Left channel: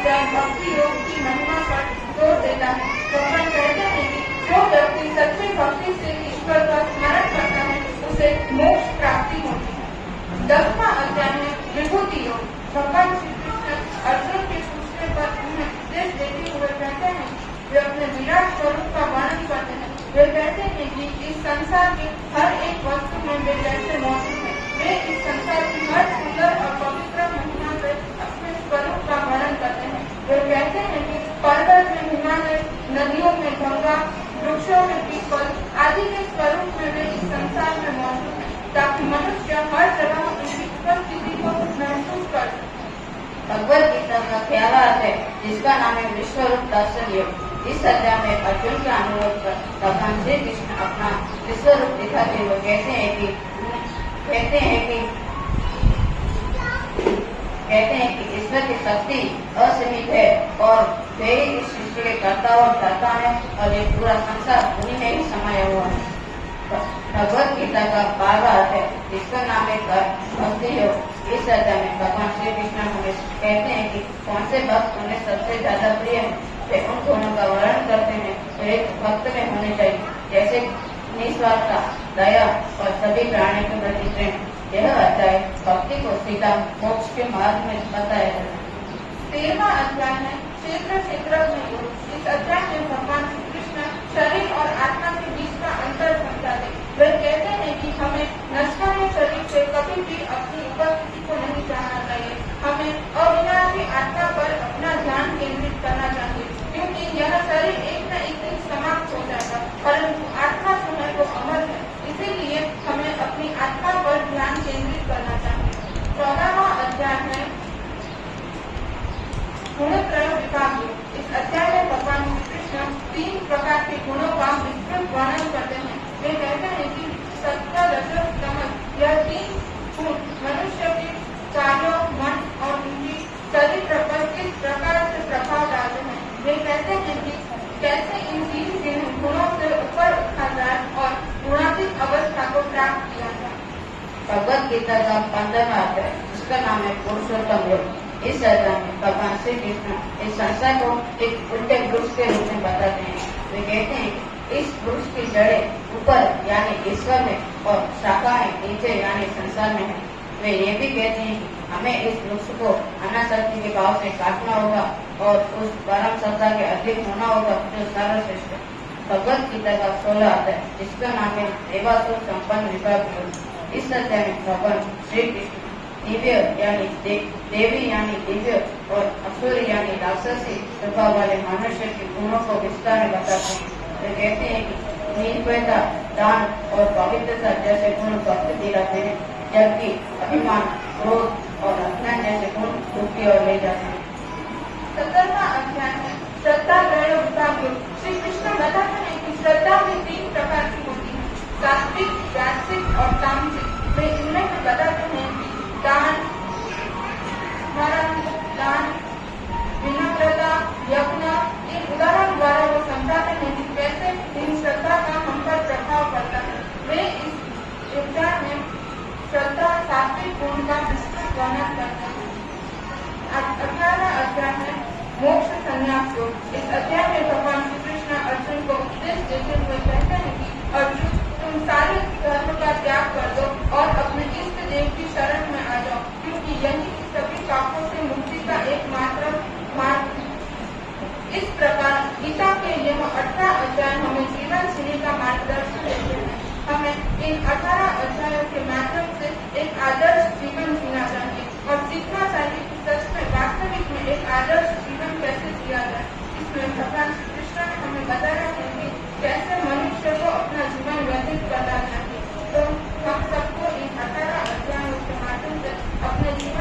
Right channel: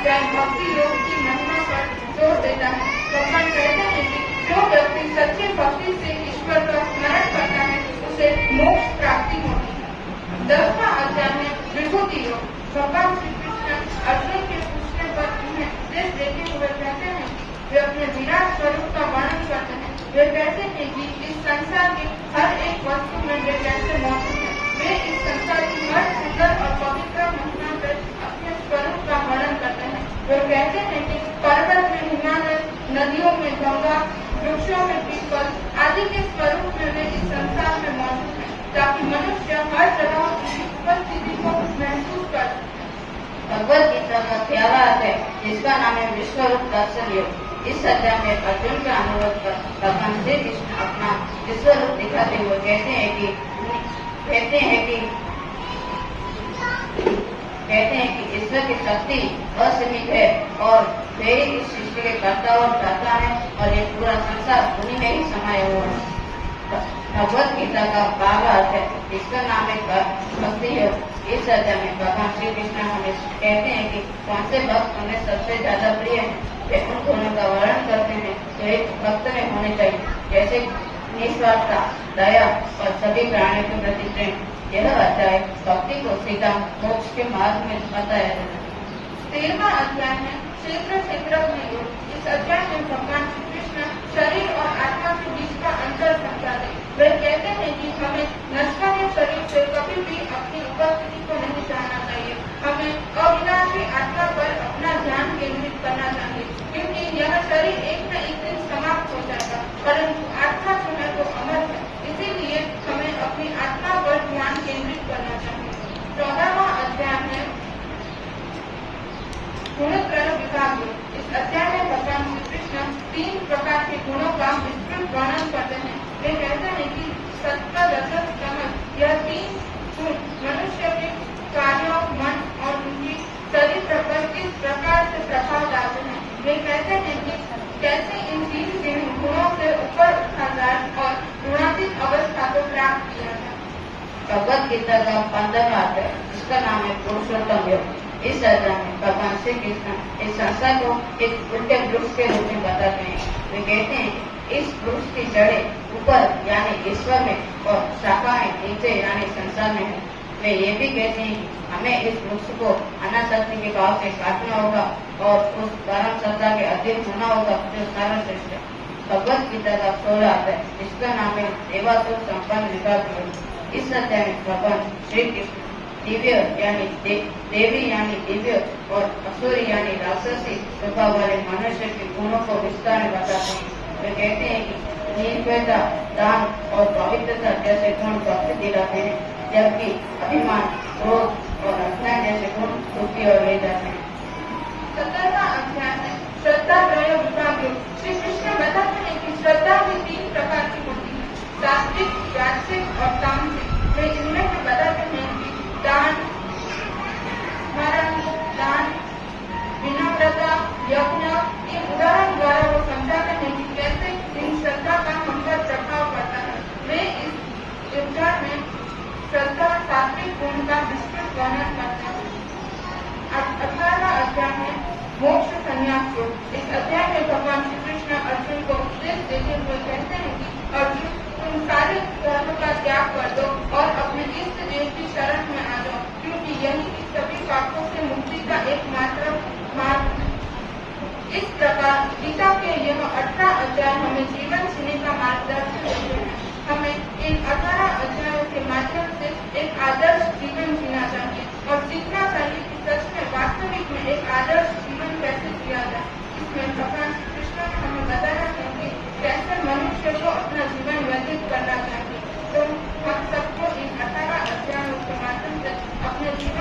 अध्याय भक्ति योग की महिमा पर जोर देता है। भगवान कहते हैं कि जो व्यक्ति सच्ची भक्ति से ईश्वर का स्मरण करता है उसे मोक्ष प्राप्ति होती है। 10वां अध्याय है विभूति योग। भगवान श्री कृष्ण अर्जुन के पूछने पर उन्हें उपदेश देते हुए कहते हैं कि वे अपने विराट स्वरूप का वर्णन करते हैं। वे कहते हैं कि इस संसार के हर एक वस्तु में वे कैसे मौजूद है। वे इस संसार की हर सुंदर और पवित्र महिमा से अपने स्वरूप का वर्णन करते हैं। वे कहते हैं कि पर्वत में हिमालय, नदियों में गंगा, वृक्षों में पीपल आदि के स्वरूप में वे इस संसार में मौजूद है, ताकि मनुष्य हर जगह उनकी उपस्थिति को महसूस कर सके। भगवद गीता का प्यारा अध्याय जिसका नाम है विश्वरूप दर्शन योग। इस अध्याय में अर्जुन के अनुरोध पर भगवान श्री कृष्ण अपना विश्वरूप दिखाते हुए कहते हैं कि ईश्वर की शक्ति असीमित है और मेरी इस सृष्टि के कर्ता और कर्ता है और ये पूरा संसार उन्हीं में ही समाया हुआ है। भगवद गीता का 12वां अध्याय इसका नाम है भक्ति योग। इस अध्याय में भगवान श्री कृष्ण हमें कहते हैं कि कौन से भक्त उन्हें सबसे ज्यादा प्रिय है, वे उन दोनों का वर्णन करते हैं। तो एक भक्त में होने चाहिए जैसे निस्वार्थता, दया और सभी प्राणियों के प्रति प्रेम। यह अध्याय भक्ति को सीधा मोक्ष के मार्ग में बताया है। 13वां अध्याय है क्षेत्र क्षेत्र में योग। इस अध्याय में भगवान श्री कृष्ण शरीर और आत्मा के बीच का अंतर समझाते हैं। वे कहते हैं कि हमें नश्वर शरीर से कभी भी अपनी उपस्थिति को नहीं चाहना चाहिए। हमें अविनाशी आत्मा पर अपना ध्यान केंद्रित करना चाहिए, क्योंकि यह शरीर एक न एक दिन समाप्त हो जाएगा, परंतु आत्मा जो है वो अमर है। इसीलिए हमें अपनी आत्मा पर ध्यान केंद्रित करना चाहिए। 14वां अध्याय है गुणत्रय विभाग। इस अध्याय में भगवान श्री कृष्ण 3 प्रकार के गुणों का विस्तृत वर्णन करते हैं। वे कहते हैं कि सत्य, रजस, तमस यह 3 गुण मनुष्य के कार्यों, मन और उनकी चरित्र पर किस प्रकार से प्रभाव डालते हैं। वे कहते हैं कि कैसे इन 3 गुणों से ऊपर उठा जाए और गुणातीत अवस्था को प्राप्त किया जाए। भगवद गीता का 15वां अध्याय इसका नाम है पुरुषोत्तम योग। इस अध्याय में भगवान श्री कृष्ण इस संसार को एक उल्टे वृक्ष के रूप में बताते हैं। वे कहते हैं कि इस वृक्ष की जड़ें ऊपर यानी ईश्वर में और शाखाएं नीचे यानी संसार में है। वे ये भी कहते हैं कि हमें इस वृक्ष को अनासक्ति के भाव से काटना होगा और उस परम सत्ता के अधीन होना होगा जो सर्वश्रेष्ठ है। भगवद गीता का 16वां अध्याय इसका नाम है देवासुर संपन्न विभाग योग। इस अध्याय में भगवान श्री कृष्ण दिव्य यानी देवी यानी दिव्य और असुर यानी राक्षसी स्वभाव वाले मनुष्य के गुणों को विस्तार में बताते हैं। वे कहते हैं कि निर्भयता, दान और पवित्रता जैसे गुण भक्त दिलाते हैं, जबकि अभिमान, क्रोध और अज्ञान जैसे गुण दुखी और ले जाते हैं। 17वां अध्याय है श्रद्धा त्रय विभाग। श्री कृष्ण बताते हैं कि श्रद्धा भी 3 प्रकार की होती है, सात्विक, वास्तविक और तामसिक। वे इनमें बताते हैं कि दान, स्मरण, दान, विनम्रता, यज्ञ, इन उदाहरण द्वारा वो समझाते हैं कि कैसे इन श्रद्धा का हम पर प्रभाव पड़ता है। वे इस अध्याय में श्रद्धा सात्विक गुण का विस्तृत वर्णन करते हैं। 18वां अध्याय है मोक्ष संन्यास योग। इस अध्याय में भगवान श्री कृष्ण अर्जुन को उपदेश देते हुए कहते हैं कि अर्जुन, तुम सारे धर्म का त्याग कर दो और अपने इष्ट देव की शरण में आ जाओ, क्योंकि यही सभी पापों से मुक्ति का एकमात्र मार्ग है। इस प्रकार गीता के यह 18 अध्याय हमें जीवन जीने का मार्गदर्शन देते हैं। हमें इन 18 अध्यायों के माध्यम से एक आदर्श जीवन जीना चाहिए और सीखना चाहिए कि सच में वास्तविक में एक आदर्श जीवन कैसे जिया जाए। इसमें भगवान श्री कृष्ण हमें बताया है कि कैसे मनुष्य को अपना जीवन व्यतीत करना चाहिए। तो हम सबको इन 18 अध्यायों के माध्यम से अपने जीवन